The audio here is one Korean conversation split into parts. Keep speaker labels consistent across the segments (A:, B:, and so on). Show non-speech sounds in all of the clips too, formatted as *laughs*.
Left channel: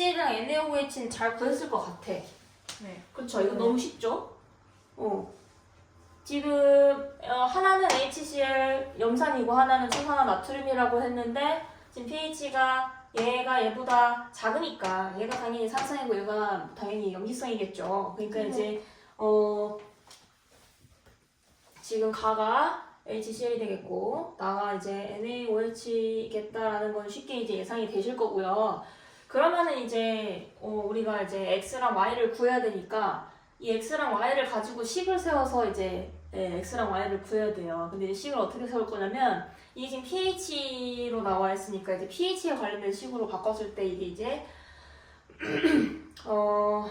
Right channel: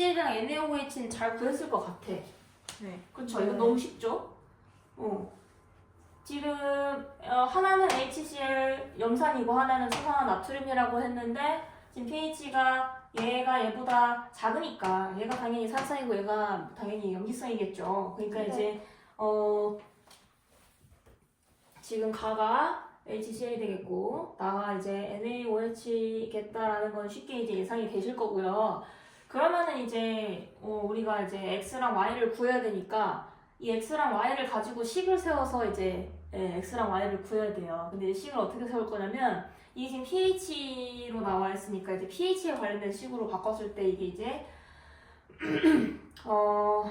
A: HCl이랑 NaOH는 잘 구했을 것 같아.
B: 네.
A: 그렇죠. 이거 너무 쉽죠? 어. 지금 어, 하나는 HCl 염산이고 하나는 수산화 나트륨이라고 했는데 지금 pH가 얘가 얘보다 작으니까 얘가 당연히 산성이고 얘가 당연히 염기성이겠죠. 그러니까
B: 네.
A: 이제 어 지금 가가 HCl이 되겠고 나가 이제 NaOH겠다라는 건 쉽게 이제 예상이 되실 거고요. 그러면은 이제 어, 우리가 이제 x랑 y를 구해야 되니까 이 x랑 y를 가지고 식을 세워서 이제 예, x랑 y를 구해야 돼요. 근데 이 식을 어떻게 세울 거냐면 이게 지금 pH로 나와 있으니까 이제 pH에 관련된 식으로 바꿨을 때 이게 이제 *clears throat* 어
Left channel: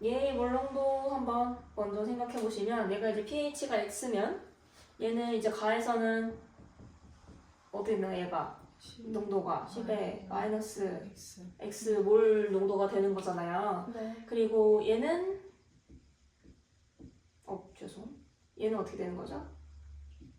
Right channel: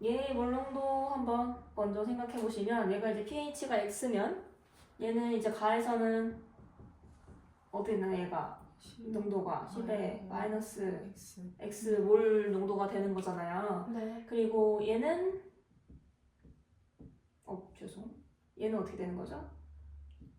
A: 얘의 물농도 한번 먼저 생각해 보시면 얘가 이제 pH가 x면 얘는 이제 가에서는 어떻게 있나 얘가 농도가 10에 마이너스
B: X.
A: 몰 농도가 되는 거잖아요.
B: 네.
A: 그리고 얘는 어 죄송 얘는 어떻게 되는 거죠?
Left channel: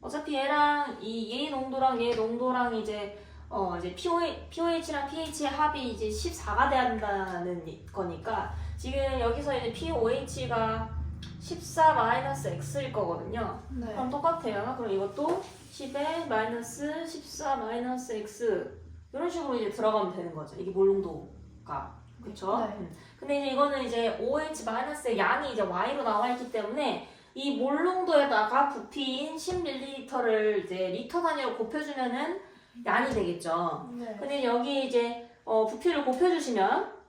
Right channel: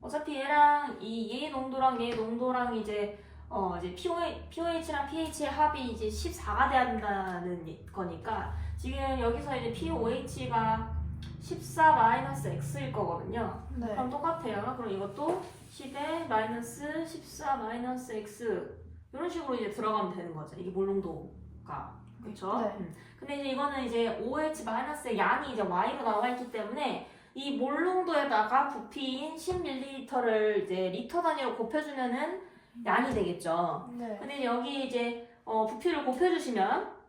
A: 어차피 얘랑 이 얘 농도랑 얘 농도랑 이제 어 이제 pOH, pOH랑 pH의 합이 이제 14가 돼야 된다는 이- 거니까 지금 여기서 이제 pOH가 14 마이너스 x일 거거든요.
B: 네.
A: 그럼 똑같아요. 그럼 이것도 10에 마이너스 14 마이너스 x 이런 식으로 이제 들어가면 되는 거죠. 이게 몰농도가 그렇죠?
B: 네.
A: 근데 이제 이거는 이제 OH 마이너스의 양이 이제 y로 나와 있기 때문에 이 몰농도에다가 부피인 10ml를 이제 리터 단위로 곱해주면은 양이 되겠죠.
B: 네.
A: 근데 여기 이제 어, 부피를 곱해주시면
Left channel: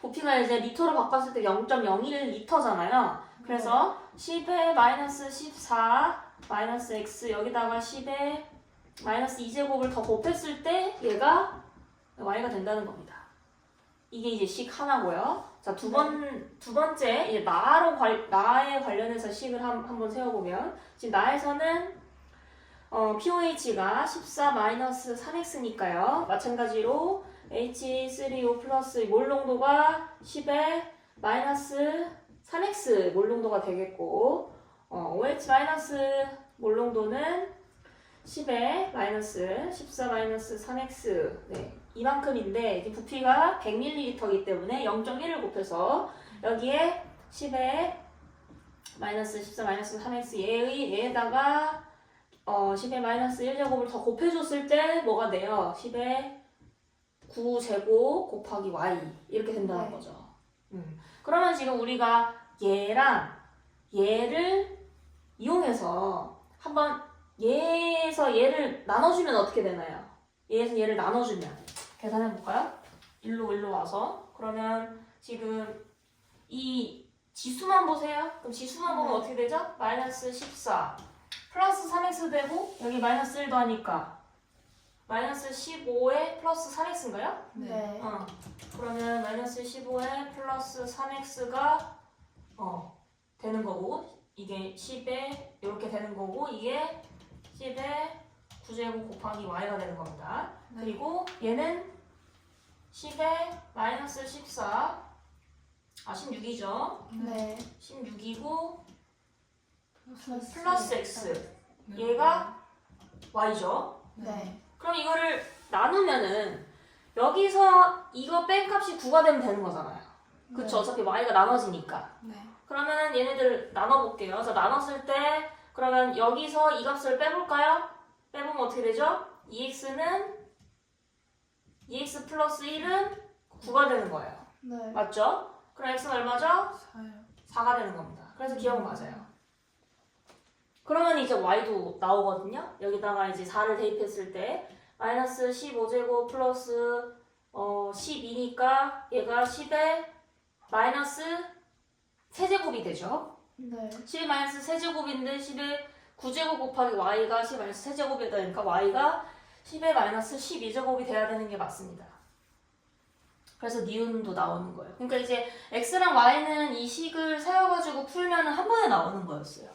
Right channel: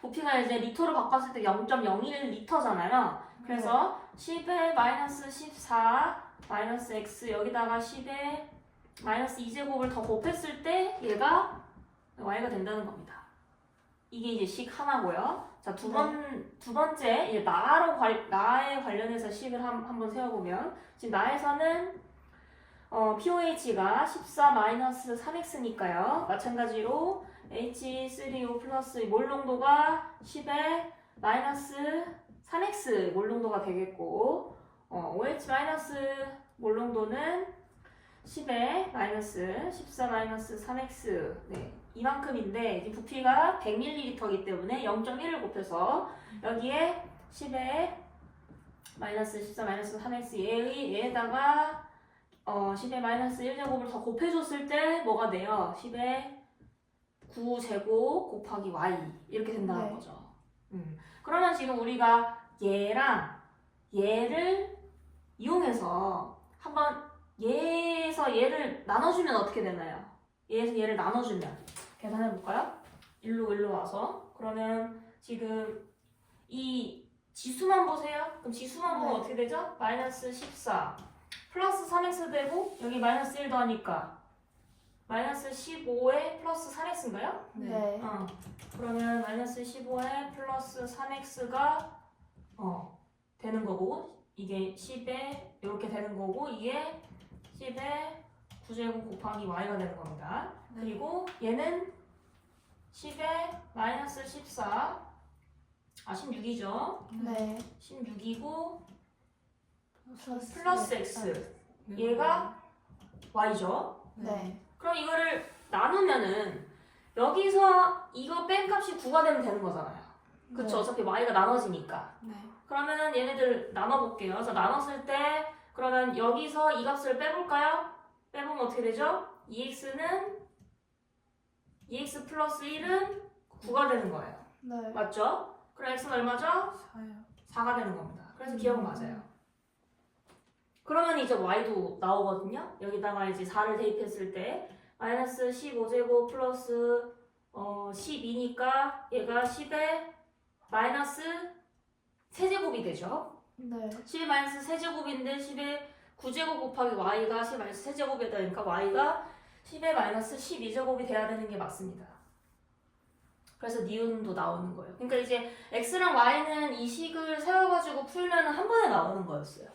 A: 부피가 이제 리터로 바꿨을 때 0.01리터잖아요. 그래서 10에 마이너스 14 마이너스 x 여기다가 10에 마이너스 2제곱을 더 곱했을 때 얘가 y가 된다는 겁니다. 이게 이제 식 하나고요. 자, 두 번, 두 번째, 이제 나로 관, 나에 관련해서 식을 한, 한번 세워보면, 지금 나에서는, 어, pOH가 14 마이너스 3x니까요. 마찬가지로 H3O 플러스 몰 농도가 10에 마이너스 3x 몰 농도가 되겠고, 어, OH 마이너스 몰 농도는 10에 마이너스 14 마이너스 3x 네, 이만큼인데 이제 부피가 100ml이기 때문에 0.1을 곱해서 여기에 10에 마이너스 14 마이너스 3x 얘의 얘에다가 어 10에 마이너스 1제곱을 더 곱해줬을 때 뭐가 돼요? 10에 9제곱 곱하기 y 이렇게 된다는
B: 네.
A: 거죠. 음. 그러면 지금 우리가 얘랑 얘를 이용해서 한번 얘에서 얘를 나눠주면 어떻게 되나요? 얘에서 얘를 나눠주면 계산해 볼까요? 일로 일로 와서 그러면 지금 이 지수만 보세요. 그럼 지수만 보면
B: 네.
A: 어떻게 되죠? 마이너스 14 플러스 3x 되고 여기 마이너스 1도 하니까 마이너스 15에 플러스 3x인가요?
B: 네.
A: 어. 그러면 마이너스 15에 플러스 3x가 어 되는 거고 이게 10에 이렇게 되는 거고 이게 10에 9제곱 곱하기 y가 되는 겁니다.
B: 네.
A: 그리고 얘는 10에 마이너스 14, 아 16이죠.
B: 네.
A: 16이고 플러스 x, 얘가 y죠.
B: 네.
A: 그럼 이거를 나누면은 여기서 이거 뺀 값이 9가 되면 되는 거잖아요. 그쵸? 어차피 y가 나눠지니까.
B: 네.
A: 그러면 얘네들 나눠볼게요. 그래서 나눴을 때 그러면 여기서 이 값을 빼볼까요? 빼보면 어떻게 되죠? 2x는 2x 플러스 1은 9가 되는 거예요.
B: 네.
A: 맞죠? 그럼 x는 얼마죠?
B: 4요.
A: 4가 되는 겁니다. 그래서 기억은 맞아요. 그러면 이제 y도 나오거든요. 여기다가 이제 4를 대입했을 때 마이너스 15제곱 플러스 어 12니까 얘가 10에 마이너스 세제곱이 되죠.
B: 네.
A: 10의 마이너스 세제곱인데 10의 9제곱 곱하기 y가 10의 마이너스 세제곱이 되니까 y가 10의 마이너스 12제곱이 돼야 되는 게 맞습니다. 그래서 니은도 나오는 거예요. 그러니까 이제 x랑 y는 이 식을 세워가지고 풀면 한 번에 나오는 거였어요.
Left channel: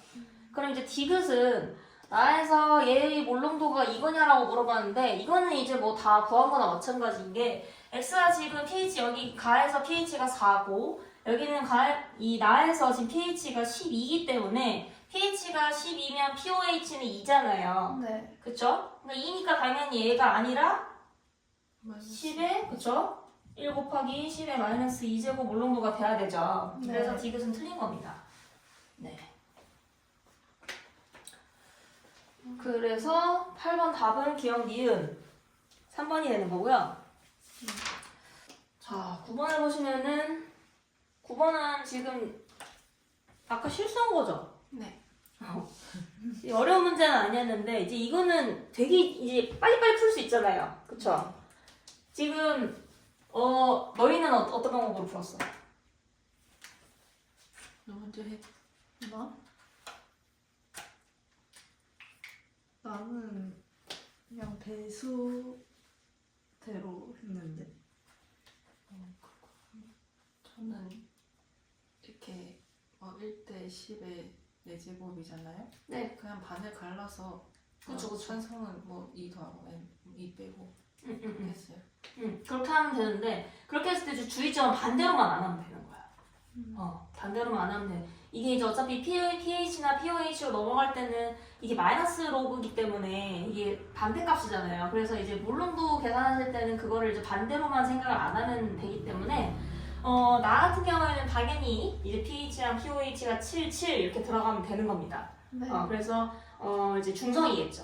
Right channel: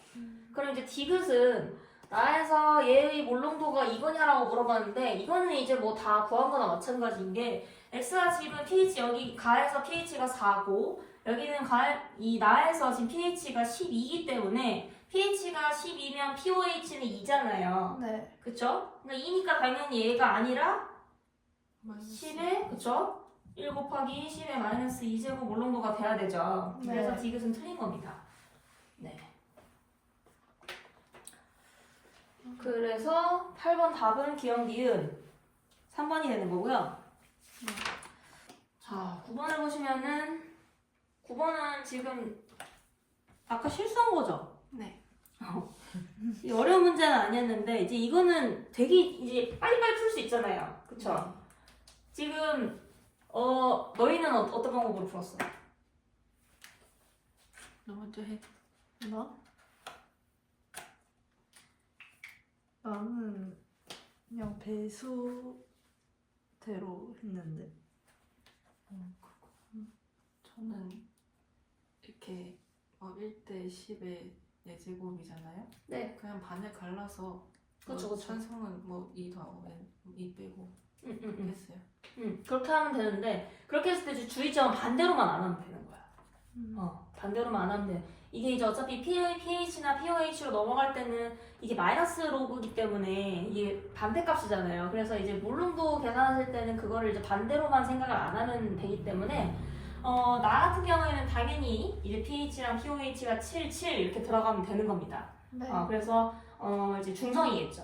A: 그럼 이제 디귿은 나에서 얘의 몰롱도가 이거냐라고 물어봤는데 이거는 이제 뭐 다 구한 거나 마찬가지인 게 x가 지금 pH 여기 가에서 pH가 4고 여기는 가, 이 나에서 지금 pH가 12이기 때문에 pH가 12면 pOH는 2잖아요.
B: 네.
A: 그쵸? 그러니까 2니까 당연히 얘가 아니라
B: 마이너스
A: 10에 그쵸? 1 곱하기 10에 마이너스 2제곱 몰롱도가 돼야 되죠.
B: 네.
A: 그래서 디귿은 틀린 겁니다. 네. 그래서 8번 답은 기억 니은 3번이 되는 거고요. 자, 9번을 보시면은 9번은 지금 아까 실수한 거죠?
B: 네. *laughs*
A: 이 어려운 문제는 아니었는데 이제 이거는 되게 이제 빨리빨리 풀 수 있잖아요. 그쵸? 지금 어 너희는 어, 어떤 방법으로 풀었어?
B: 너 먼저 해
C: 나? 나는 그냥 배수대로 했는데
B: 저는 이렇게 어, 1대 10의 4제곱이잖아요
A: 네.
B: 그냥 반을 갈라서
A: 그쵸,
B: 뭐
A: 그쵸.
B: 천성은 뭐2 더하고 n 2 빼고
A: 응, 응, 응.
B: 했어요
A: 응. 그렇게 하면 되는데 그렇게 했을 때 주의점은 반대로만 안 하면 되는 거 야. 어, 반대로만 안 하면 돼. 이게 이제 어차피 pH나 POH로 넘어갈 때는 이게 마이너스 로그이기 때문에 이게 반대값이잖아요. 그래서 이제 몰롱도 계산하실 때는 그거를 이제 반대로만 생각을 안 하면 되기 때문에 어, 나 같은 경우에는 당연히 이제 pH랑 POH가 7, 7 이렇게 들어가면 되는 겁니다.
C: 네.
A: 어, 그래서 어, 이제 중성이겠죠.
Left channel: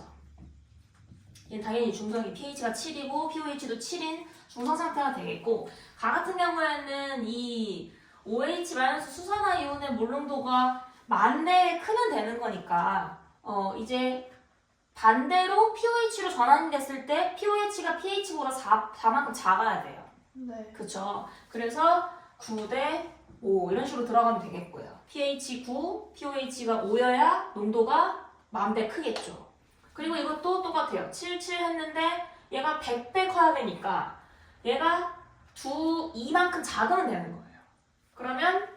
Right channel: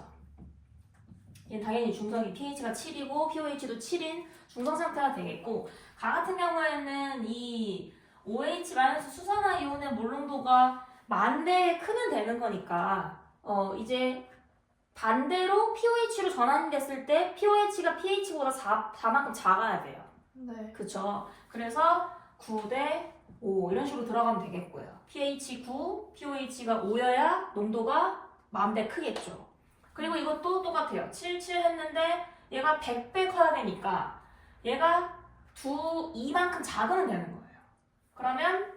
A: 얘는 당연히 중성이 pH가 7이고 pOH도 7인 중성 상태가 되겠고 가 같은 경우에는 이 OH 수산화 이온의 몰롱도가 만대 크면 되는 거니까 어 이제 반대로 pOH로 전환이 됐을 때 pOH가 pH보다 4, 4만큼 작아야 돼요.
C: 네.
A: 그쵸? 그래서 9대 5 이런 식으로 들어가면 되겠고요. pH 9, pOH가 5여야 농도가 만배 크겠죠. 그리고 이것도 똑같아요. 7, 7 했는데 얘가 100배 커야 되니까 얘가 두 2만큼 작으면 되는 거예요. 그러면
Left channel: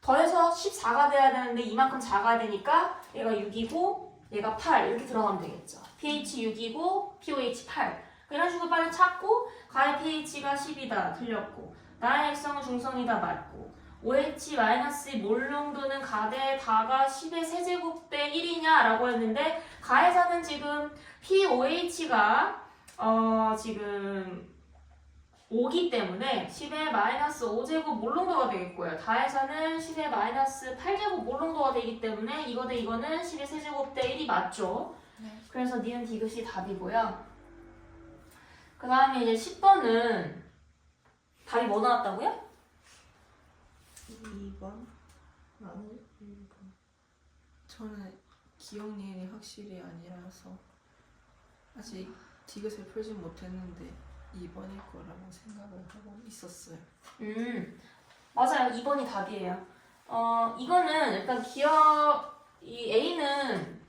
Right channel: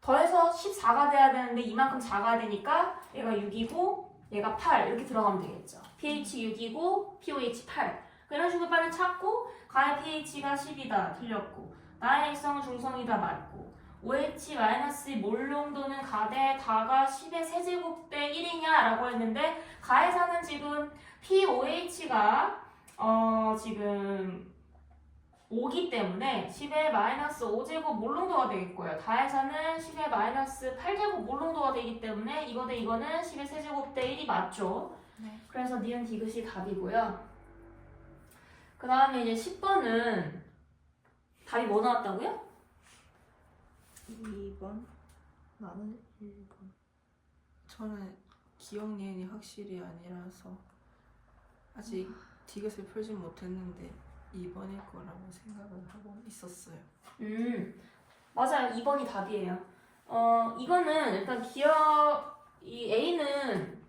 A: 더해서 14가 돼야 되는데 이만큼 작아야 되니까 얘가 6이고 얘가 8 이렇게 들어가면 되겠죠. pH 6이고 pOH 8 이런 식으로 빨리 찾고 가의 pH가 10이다 틀렸고 나의 일성은 중성이다 맞고 OH 마이너스 몰농도는 가대 다가 10의 세제곱대 1이냐 라고 했는데 가에서는 지금 POH가 어 지금 5기 때문에 10의 마이너스 5제곱 몰롱도가 되겠고요. 다에서는 10의 마이너스 8제곱 몰롱도가 되기 때문에 이거 대 이거는 10의 세제곱 대 1이 맞죠.
B: 네.
A: 그래서 니은 디귿이 답이고요. 그 다음에 이제 10번은 답이 뭐 나왔다고요?
C: 2번 나는 1번
B: 저는 기억 니은이 확실히 아니라서 아직 디귿을 풀지 못했는데 2번일 거라고 생각을 하고 있었어요
A: 음, 맞아요. 2번이 답이에요. 어, 이거는 일단 기억, 이 A는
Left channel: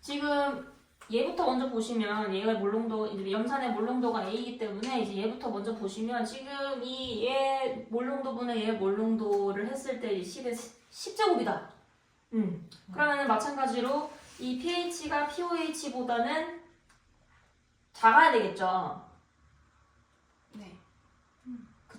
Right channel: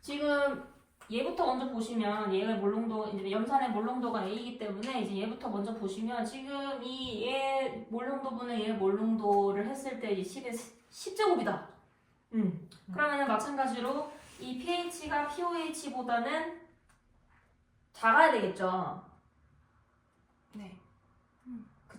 A: 지금 얘부터 먼저 보시면 얘가 몰롱도, 이제 염산의 몰롱도가 A이기 때문에 이제 얘부터 먼저 보시면 지금 이 얘 몰롱도 분의 얘 몰롱도를 했을 때 10의 10제곱이다. 음. 그러면 마찬가지로 이 pH가 POH보다는 작아야 되겠죠.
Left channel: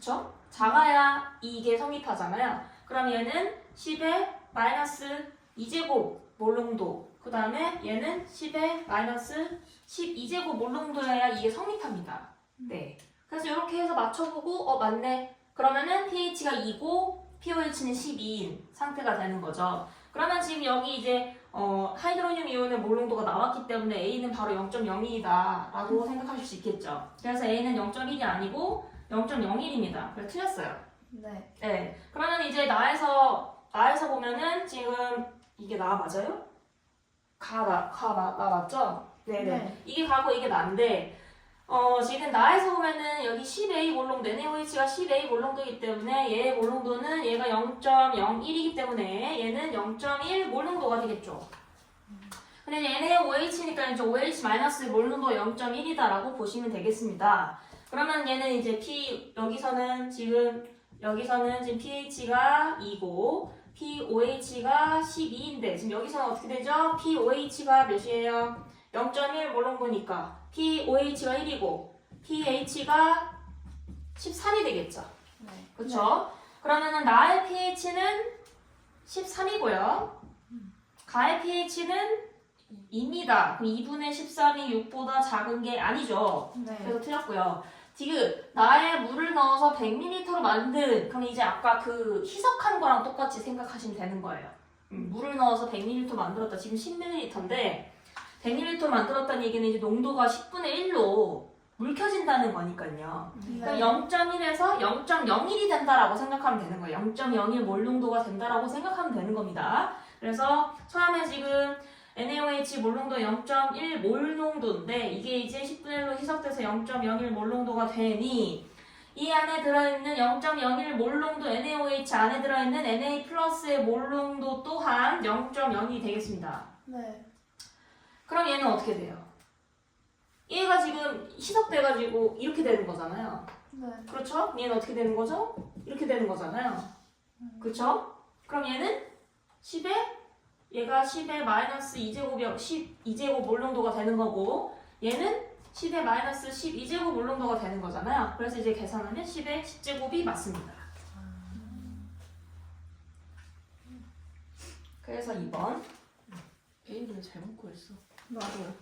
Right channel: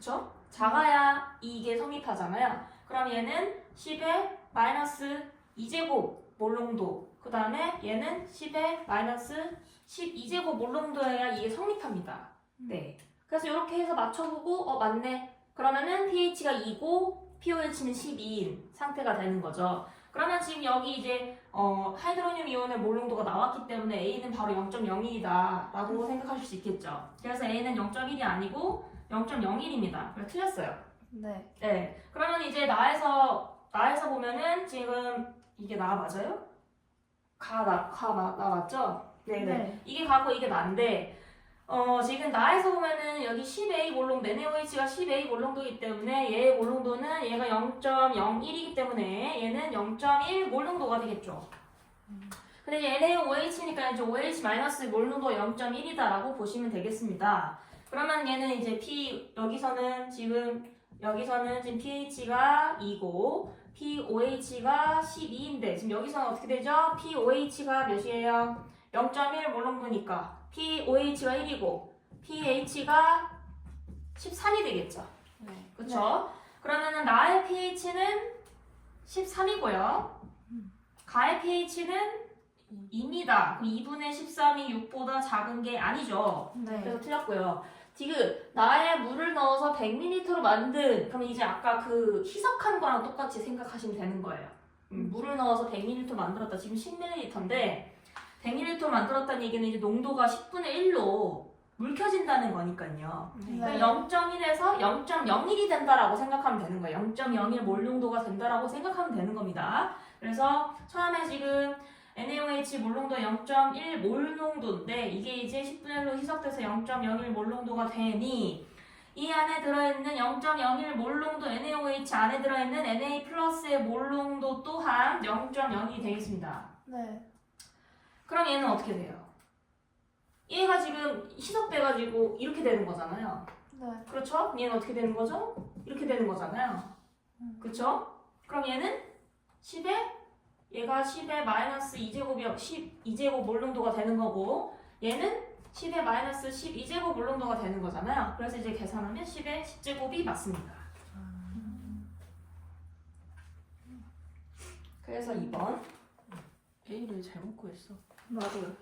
B: 네
A: 그쵸? 작아야 이게 성립하잖아요. 그럼 얘는 10의 마이너스 2제곱 몰롱도. 그 다음에 얘는 10의 마이너스 12제곱 몰롱도여야 이게 성립합니다. 네. 그래서 이렇게 해서 맞춰보고, 어, 맞네. 그러면은 pH가 2고, pOH는 12인 상태가 되는 거죠. 그러면 지금 여기 이제, 어, 하이드로늄 이온의 몰롱도가 나왔기 때문에 A는 바로 0.01이다. 라고 생각하실 수 있겠죠. 그래서 A는 0.1이 아니고, 0.01입니다. 그래서 틀렸어요.
C: 네.
A: 네. 그러면 이제 나에서 나에서 보면은 지금 이게 나 맞아요? 가 나, 가 나, 나 맞죠? 네네.
C: 네.
A: 이게 가고 이게 난데 어 지금 나에서 보면은 여기 10A 몰롱 NaOH가 10A 몰롱도이기 때문에 얘의 몰롱도는 얘가 0.01이기 때문에 얘는 0.1 몰롱도가 되겠죠. 근데 이제 NaOH니까 이제 OH 마이너스 몰롱도가 0.1이다라고 보시면 되겠습니다. 그러면 얘는 이제 P 여기서는 지금 여기서는 지금 pH가 2고 POH가 12인데 지금 여기서는 어떻게 되죠? POH가 몇이에요? 0.1 몰롱도니까 POH가 1이고 pH가 13이 되겠죠.
B: 네.
A: 그렇죠? 그러면은 나의 pH는 13이고요. 가의 pH는 2입니다. 그럼 2분의 13이 6보다 작은 게 아니죠.
C: 네.
A: 그래서 틀렸고요. 지금 나에 물을 넣어서 100ml로 만든 그럼 이제 아까 그 희석한 거랑 똑같이 생각하시면 되는 거예요. 음, 물을 넣어서 100ml 만들었다. 지금 10ml인데 100ml 만들었다는 얘기는 이제 농도가 10분의 1로 묽혀진다는 거니까요.
B: 네.
A: 그럼 0.1에서 0.01이 된다라고 생각하면 되는 거예요. 0.01 몰 농도가 된다라고 생각하면 되는 겁니다. 그래서 처음에 지금 NaOH 몰농도 0.1 몰 농도인데 이게 이제 10분의 1로 희석돼서 0.01 몰 농도가 되니 이 안에 들어있는 0.01 몰 농도 NaOH 안에 들어있는 Na 플러스의 몰 농도 또한 0.02 되겠습니다.
C: 네.
A: 그럼 얘는 어떻게 돼요? 얘가 지금 희석돼가지고 이렇게 되는 거잖아요.
C: 네.
A: 그렇죠? 얘는 어떻게 되는 거죠? 이렇게 되는 거잖아요. 그렇죠? 그럼 얘는 10에 얘가 10에 마이너스 2제곱이 10 2제곱 몰농도가 되는 거고 얘는 10에 마이너스 12제곱 몰농도가 되는 거잖아요. 그래서 이제 계산하면 10에 10제곱이 맞습니다. 그래서 2번
B: A를 잘못 구했어.
C: 나도.